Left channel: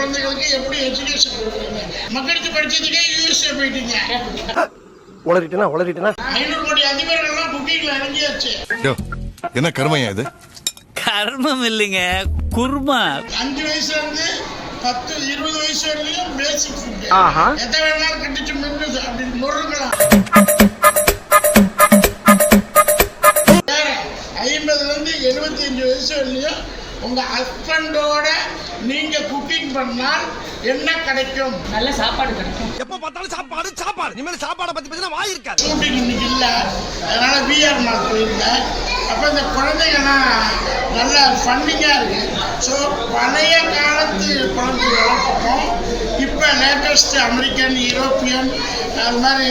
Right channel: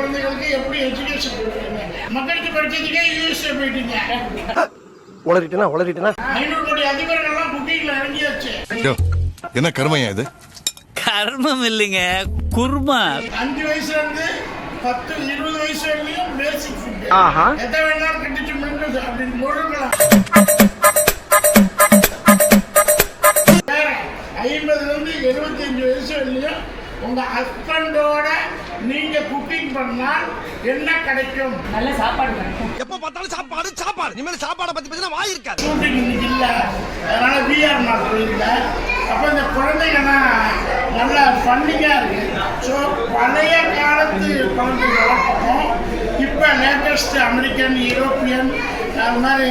குழந்தைகளுக்கு எப்படி எஜுகேஷன் கொடுக்குறீங்க? மக்களுக்கு படிச்சதுக்கே யூஎஸ்ஏ போயிட்டீங்க. உளறிட்டேனா 500 கோடி அதிபர்கள்லாம் புக்கிங்ல இறங்கியாச்சு. என்ன கர்மையா இது? கர்மம் இல்லைங்க, குர்மா. 5 வயசுல இருந்து 10 20 வயசு வரையிலும் பேசிக் ஃபுட். எதை வேணாலும் கட்டிச்சு மின்னுது அப்படின்னு முழுங்கலாம். 50ல இருந்து 75 வயசு வரையிலும் உங்க ஹஸ்பண்டோட நீங்க குக்கிங் பண்ணால் என்ன கிடைக்கும்? நல்ல சாப்பாடு கிடைக்கும். எப்ப பார்த்தாலும் சாப்பாடு இனிமேல் சாப்பாடை பத்தி பேசினா வாய் இருக்காது. ஷூட்டிங் இன்னைக்கு இல்ல, அதனால விஆர் மால் போயிருந்தேன். அப்ப இந்த குழந்தைங்கலாம் நல்லா ஃபன்னிங்கா இருக்கு. ஸோ பழைய காலத்து குழந்தைகளுக்கும் இப்போ லேட்டஸ்ட் அமெரிக்கன் யூரோப்பியன் அது மாதிரி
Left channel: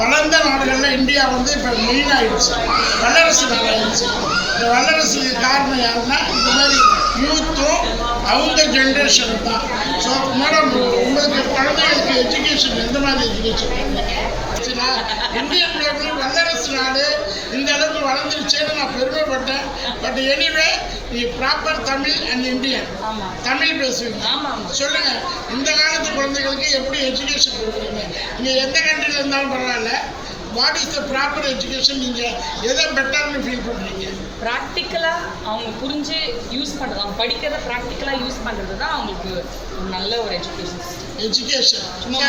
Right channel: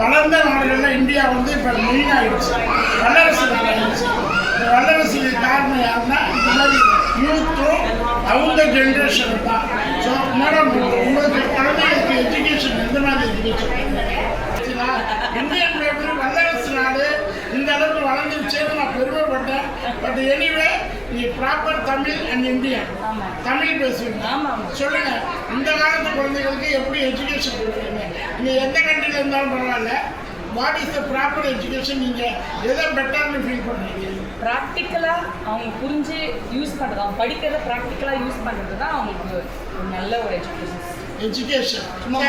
வளர்ந்த நாடுகளில் இந்தியா வந்து இப்போ மெயின் ஆகிடுச்சு, வல்லரசு நாடாகிடுச்சு. இந்த வல்லரசுக்கு காரணம் யாருன்னா இந்த மாதிரி யூத்தும் அவங்க ஜென்ரேஷன் தான். ஸோ மேடம், உங்களுக்கு குழந்தைகளுக்கு எஜுகேஷன் எந்த மாதிரி எஜுகேஷன் பண்ணுறீங்க? இந்தியன் ஃபேமிலி வல்லரசு நாடு இந்த அளவுக்கு வளர்ந்துருச்சேன்னு நான் பெருமைப்பட்டேன். பட் எனிவே நீ proper Tamil and Indian Tamil பேசுவீங்க. சொல்லுங்க, இந்த காலத்து குழந்தைகளுக்கு எப்படி எஜுகேஷன் கொடுக்குறீங்க? நீங்க எந்த கண்ட்ரில இருந்தாலும் பரவாயில்ல, what is the proper education? நீங்க எதை பெட்டர்னு ஃபீல் பண்றீங்க? ப்ராக்டிக்கலா அவங்க புரிஞ்சு யூஸ் பண்றது, அவங்க படிக்கிறத ப்ராக்டிக்கலா யூஸ் பண்றது தான் அவங்களுக்கு நல்ல ஒரு எஜுகேஷன். சும்மா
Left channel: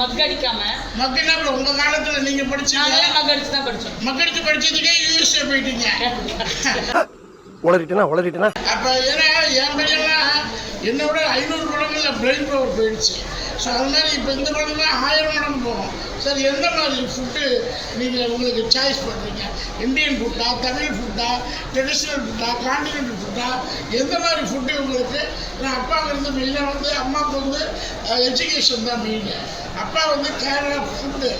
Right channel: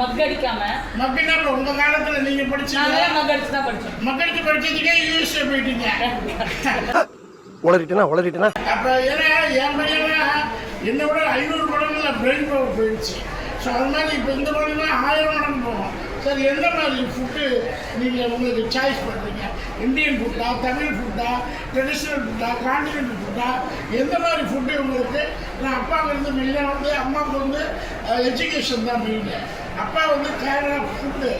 மக்கடிக்காம மக்கள்னா உங்க காலத்துல நீங்க படிச்சீங்க, மக்கடிச்சு தான் படிச்சோம். மக்களுக்கு படிச்சதுக்கே யூஎஸ்ஏ போயிட்டீங்க. உளறிட்டேனா அப்ப ஏன்னா என் பையன்லாம் என்னை விட 500 மடங்குல பிரெயின் பவர் போயிடுச்சு. ஸோ அது மாதிரி இப்போ இந்த படம்லாம் 1000 மடங்கு போகும். சார், எந்த மாதிரி ஃபுட்டு நீங்கள் உங்களுக்கு சாய்ஸ் பண்ணுறீங்க? இந்தியன் ஃபுட்டா, தமிழ் ஃபுட்டா, ட்ரெடிஷ்னல் ஃபுட்டா, கான்டினென்டல் ஃபுட்டா, எந்த மாதிரி ஃபுட்டு உங்களுக்கு? ஏன்னா அப்பாவுக்கு வந்து மெயினாக வந்து அம்மாவுக்கு வந்து எஜுகேஷன் தான் மெயின். அப்பா வந்து கேரளா ஃபுட்டு.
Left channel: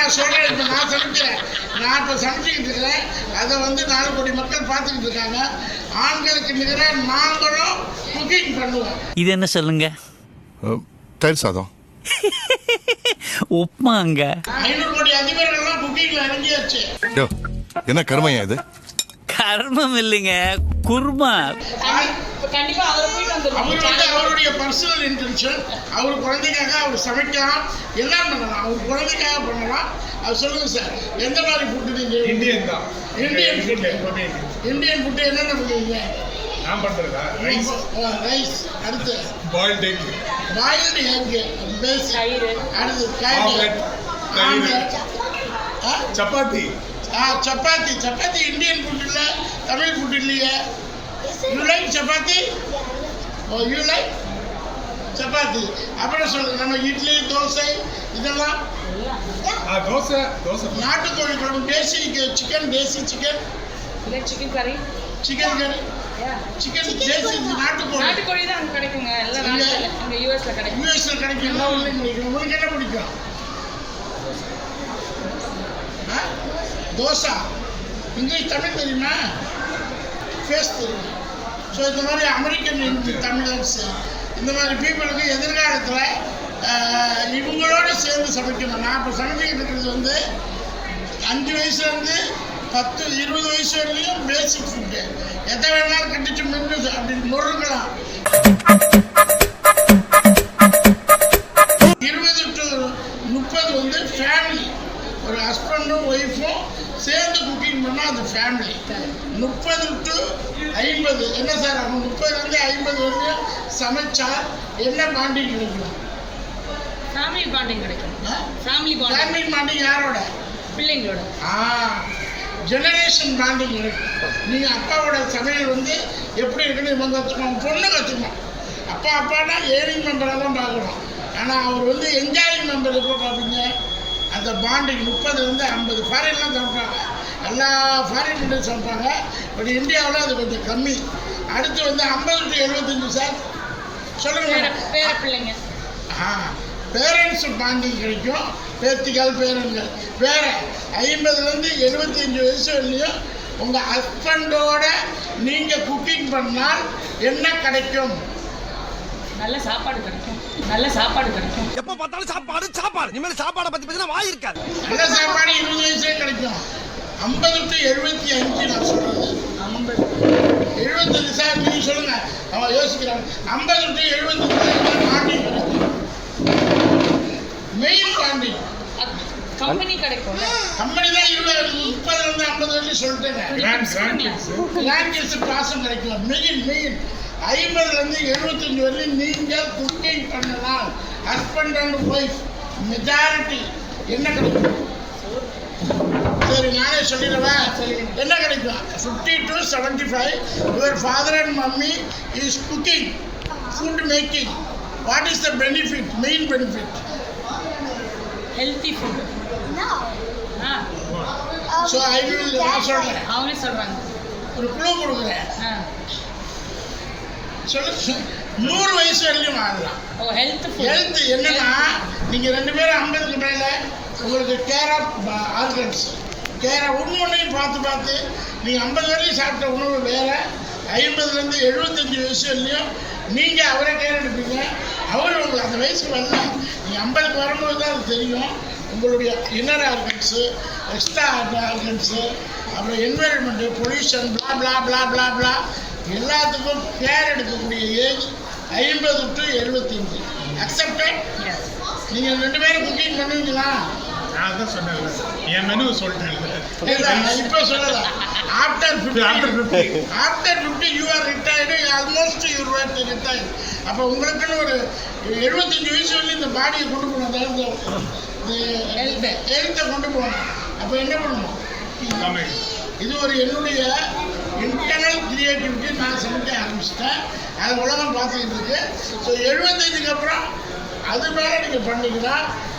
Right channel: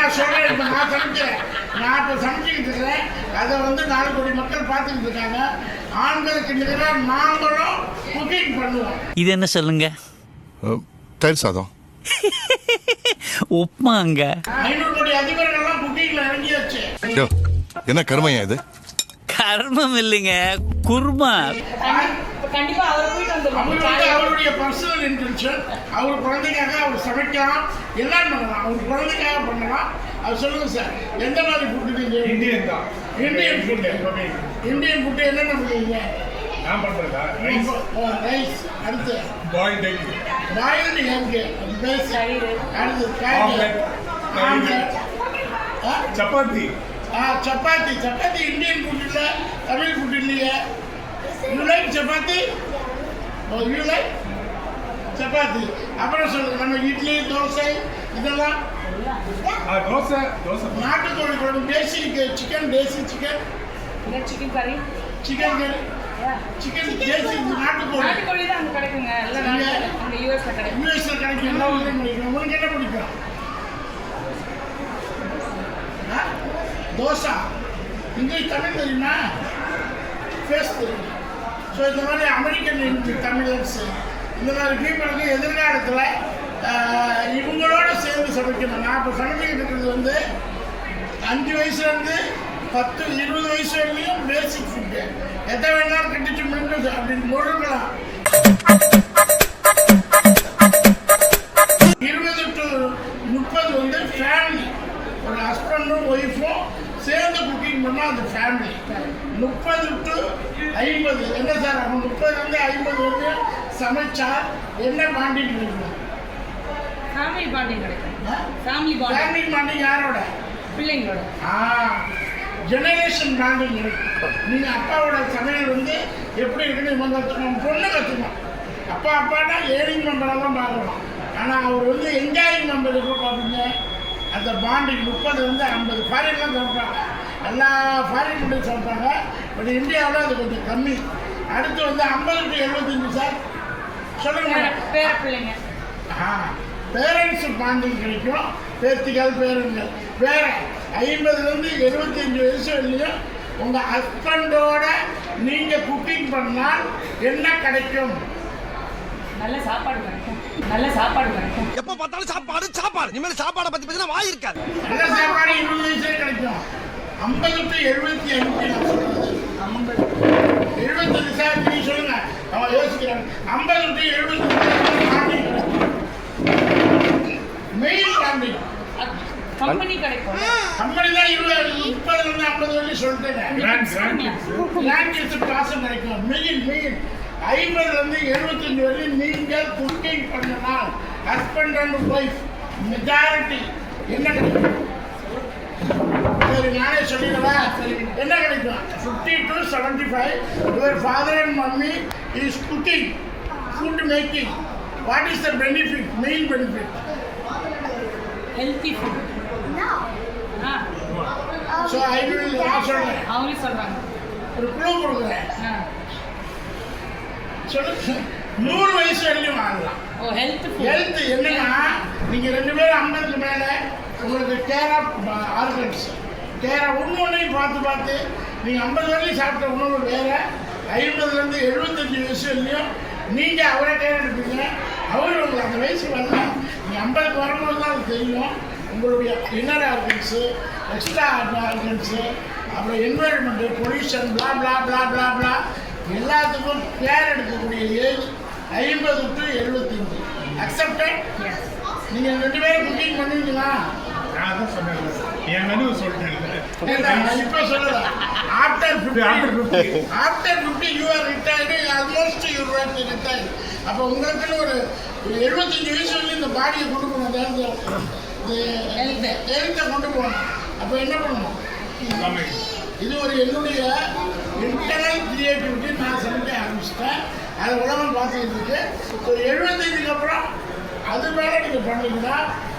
நான் சொல்கிறேன், இப்போ நான் சமைக்கிறேன், நான் இப்போ சமைச்சிக்கிட்டு இருக்கிறேன். அதை வந்து 4 கோடி மக்கள் பார்த்துக்கிட்டு இருக்காங்க. ஆண்களுக்கு நிகராக நாங்களும் குக்கிங் பண்ணுவோம். இது என்ன சொல்லுங்க? தயிர் சாதம். உப்மாங்க. 500 கோடி அதிபர்கள்லாம் குக்கிங்ல இறங்கியாச்சு. என்ன கர்மையா இது? கர்மம் இல்லைங்க, குர்மா. கண்டிப்பா அவரை போயிட்டு அவர் வந்து அவருடைய பர்சனல் இன்டென்ஷன். அவர் குழந்தைக்காக அவர் சமைக்கலாம், எல்லாம் பண்ணலாம், அவர் குழந்தைக்காக பண்ணலாம். அது சொல்லுங்க சார், எந்த மாதிரி ஃபுட்டு நீங்க? இந்தியன் தான். Indian food. இந்தியன் ஃபுட்டு என்னென்ன பண்ணுவீங்க? நான் பண்றதா ரைஸ், அடுத்து பாயில்ட் எக், பாயில்டு எக், தயிர், அடுத்து காய்கறி, omelette, chapati. Chapati. Chapati Indian food இல்லை, தமிழ் ஃபுட் இல்லையே. You like chapati? ஓ, யூ லைக் சப்பாத்தி. அப்புறம் சொல்லுங்க, நம்ம இட்லி, தோசை இதெல்லாம். தோசை. நாட்டுக்கோழி குழம்பு, desi chicken, desi chicken, chicken கறி, சிக்கன் கறி, சிக்கன் தேசி நாட்டுக்கோழி தான் அங்கே கிடைக்குங்க. எல்லாம் அங்கே யூஎஸ்ல கிடைக்கும். யூஎஸ்ல கிடைக்கும், எல்லா ஊர்லையும் கிடைக்கும். உங்களுக்கு என்ன பிடிக்கும்? தோசை. இங்கிலீஷ் தமிழ் தெரியுமா? ஃபேஸ் தெரியும். ஸோ இந்த மாதிரி அமெரிக்கன் தமிழன்ஸ், இந்த மாதிரி பீப்புளுக்கு எதிர்காலத்தில் இவங்களோட சேர்ந்து சமைக்கணும். நான் இப்போ சமைச்சிக்கிட்டு இருக்கிறது வந்து 5 வயசுலேருந்து 10 20 வயசு வரையிலும் பேசிக் ஃபுட்டு. எதை வேணாலும் கட்டிச்சு மின்னுது அப்படின்னு முழுங்கலாம். 20 to 30 வந்து ஃபேமிலி, ஒரு ஹஸ்பண்டும் ஒய்ஃபும் சேர்ந்து குக்கிங் பண்ணால் அது ஃபேமிலி. 30 to 50 என்ன சார், அவங்க 30லேருந்து 50 வரைக்கும் சமைச்சா என்ன பாண்டிங் கிடைக்கும்? ஃபேமிலி பாண்டிங் கிடைக்கும். ஃபேமிலி பாண்டிங் யாரோட? பிள்ளைங்களோட. ஜெனரேஷன் பாண்டிங் இருக்கும். நீங்கள் அப்பாவோட சமையல் வந்து எப்படி இருக்குன்னு இவங்க கற்றுக்கணும், பொண்ணு கற்றுக்கணும். அப்பானா ஏர்னிங் மெம்பரை தான் பார்க்கணும். ஆனால் அவர் வந்து என்ஜாயிங் மெம்பர் எப்போ பார்ப்பீங்க? அந்த பாண்டிங் 30லேருந்து 50. ஃபாரின்லாம் சமைப்பாங்க, எல்லா ஃபாரின் கண்ட்ரியும் சமைப்பாங்க. பட் இந்தியாவில் அது கொஞ்சம் கம்மி. அடுத்து வந்து 50 to 75 சார். சொல்லுங்க. பேர பிள்ளைங்க. பேரண்ட்ஸ் பாண்டிங் கிடைக்கும், பேத்திகள் பேரன்கள். வேற 50லேருந்து 75 வயசு வரையிலும் உங்கள் ஹஸ்பண்டோட நீங்கள் குக்கிங் பண்ணால் என்ன கிடைக்கும்? நல்ல சாப்பாடு கிடைக்கும். எப்ப பார்த்தாலும் சாப்பாடு இனிமேல் சாப்பாடை பத்தி பேசினா வாய் இருக்காது. நல்ல சாப்பாடு 20 வயசுலேயே கிடைக்கும். 50 to 75 நான் சொல்றது. 75 சார், நீங்க சொல்லுங்க. அவங்க யோசிக்கிறாங்க 50 டு 75 மார்னிங் மெயின் காண்டிங் கம்பெனி கிடைக்கும் கம்பெனி தான் 30 50 வரையும் சொல்லிட்டேங்க. கிராண்ட் கிட்ஸ் பாசம் கிடைக்கும். மெயின் 50 75 வரையும் நீங்கள் குக்கிங் பண்ணலாம். ஹஸ்பண்ட் அண்ட் ஒய்ஃப் மெஜாரிட்டி என்ன கிடைக்கும்? சரி நானே சொல்லிடுவேன். என்ன கிடைக்கும்? 50 to 75. Your father and mummy is cooking, food making. What is the benefit? Main benefit healthy food. So I will நான் சொல்கிறேன். அவங்களே சொல்றாங்க. ஒரு குழு கொடுக்குறேன். சொல்லு 100 வயசு வரையும் வாழலாம். ஓ ஹெல்த் ஃபுட். ஹெல்த் என்னன்னா நீங்கள் 2 பேரும் 50க்கு மேலே உங்களுக்கு கேர் ஆஃப் ஆர்கன்ஸ் ஒன்றையும் பார்த்து நீங்கள் 50 வரையும் சாப்பிட்ட உணவு வேறு. 50லேருந்து 75 வயசு வரையும் நீங்கள் அவரை கேர் எடுப்பீங்க. அவர் உங்களுக்கு அந்த வயசுக்கு வரல. நீங்கள் 50க்கு வரும்போது தான் அது தெரியும். உங்களுடைய இன்னர் ஆர்கன்ஸு, எக்ஸ்ட்ரா ஆர்கன்ஸு, அப்புறம் என்வைரன்மெண்ட்டு, பொல்யூஷன், பிளா பிளா பிளா பிளா பிளா எல்லாத்துக்கும் கேர் எடுக்கக்கூடிய ஏஜ் 50 to 75. அக்செப்டட்? நீங்கள் 2 பேரும் குக்கிங் பண்ணுவீங்களா? நான் தான் சொன்னேன்ல, என் மெனு சொல்லிட்டேன். இப்போ சொல்லல. After 50 you are retired, almost you are retired. அப்போ உங்களுக்குன்னு ஒரு 75 வயசு வரலையும் இந்த பாடியை கொண்டு போகணும். ஹெல்த்தை கொண்டு போகணும். அப்போ என்ன பண்ணணும்? இது ஒரு என்னுடைய இன்டர்னல் கிரியேட்டிவிட்டி. நான் சமைக்க ஆரம்பிச்சிட்டேன். அதை உலகம் பார்த்துக்கிட்டு இருக்கு. ஸோ 75க்கு அப்புறம் அது மேலே நீங்கள் பண்ணீங்கன்னா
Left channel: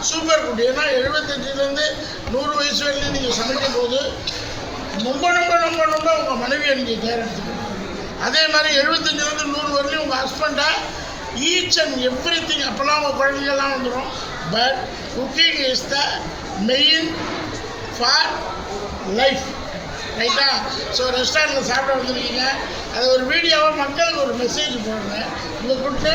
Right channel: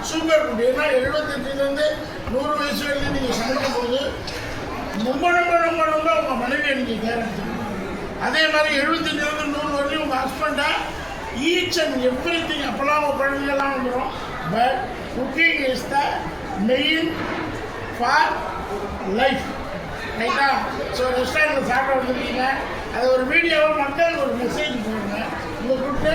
சூப்பர் ஃபுட். ஏன்னா 75லேருந்து 100 வயசு வரைக்கும் நீங்கள் சமைக்கும் போது ரொம்ப உங்கள் மனைவியை நீங்கள் கேர் எடுத்துக்கணும். அதே மாதிரி 75லேருந்து 100 வரையும் உங்கள் ஹஸ்பண்டை ஈச் அண்ட் எவ்ரி திங். அப்போல்லாம் உங்கள் குழந்தைகள்லாம் வந்துடும். But cooking is the main for life. ரைட்டா? ஸோ ரெஸ்டாரண்ட்டில் சாப்பிட வந்துருக்கீங்க. அது ஒரு வீடியோவை மக்களுக்கு ஒரு மெசேஜ் போடுங்க. உங்கள் கூப்பிட்டு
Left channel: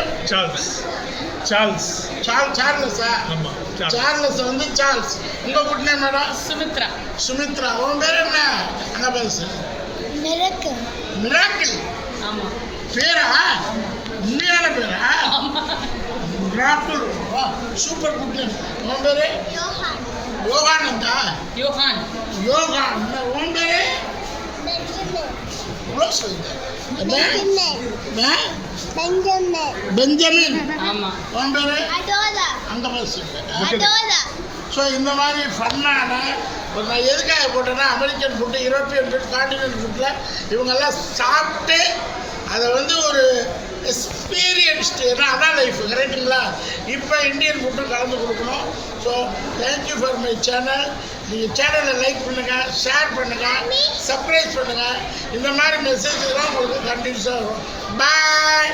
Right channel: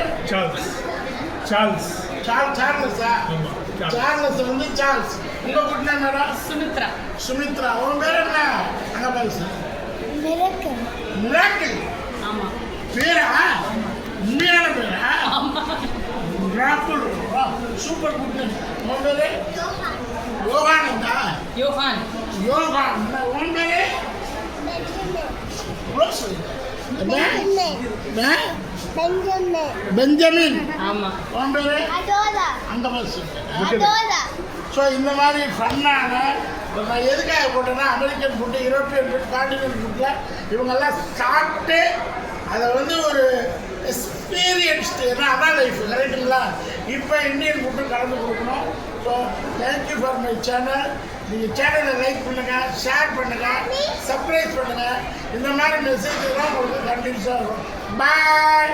சார்லஸா? ஆமாம், சார்லஸ் சார்ல்ஸ். உங்கள் கூட்டினா மேடம்? சுமித்ரா. உன் பேர் என்ன? அங்கே பேசு. மிராக்கிள். ஆமாம். பேரா? உண்மையான பேரா? மிராக்கிள். Super good name. உன் பேரு? யோகானந்தா. யோகான். உன் பேரு? பெஞ்சமின். ஆமாம். உன் பேரு? அங்கே பேசு. ஸோ இந்த மாதிரி ஃபன்னான நான் எதுக்காக போட்டேன்னா American food, European food, continent ஃபுட்டில் இவங்கெல்லாம் சாப்பிட்டு அதை ஒரு எக்ஸ்பீரியன்ஸ்டு. ஏன்னா அதான் லைஃப். கரெக்டுங்களா? இப்போ இந்தியன் ஃபுட்டு கலந்து கொடுக்கணும். So thank you for my channel. நீங்கள் சேனலை லைக் பண்ணுங்கள், ஷேர் பண்ணுங்கள், சப்ஸ்கிரைப் பண்ணுங்கள். இந்த மாதிரி மெசேஜ் தான் உங்களுக்கு கண்டினியூஸாக வரும். பாய்.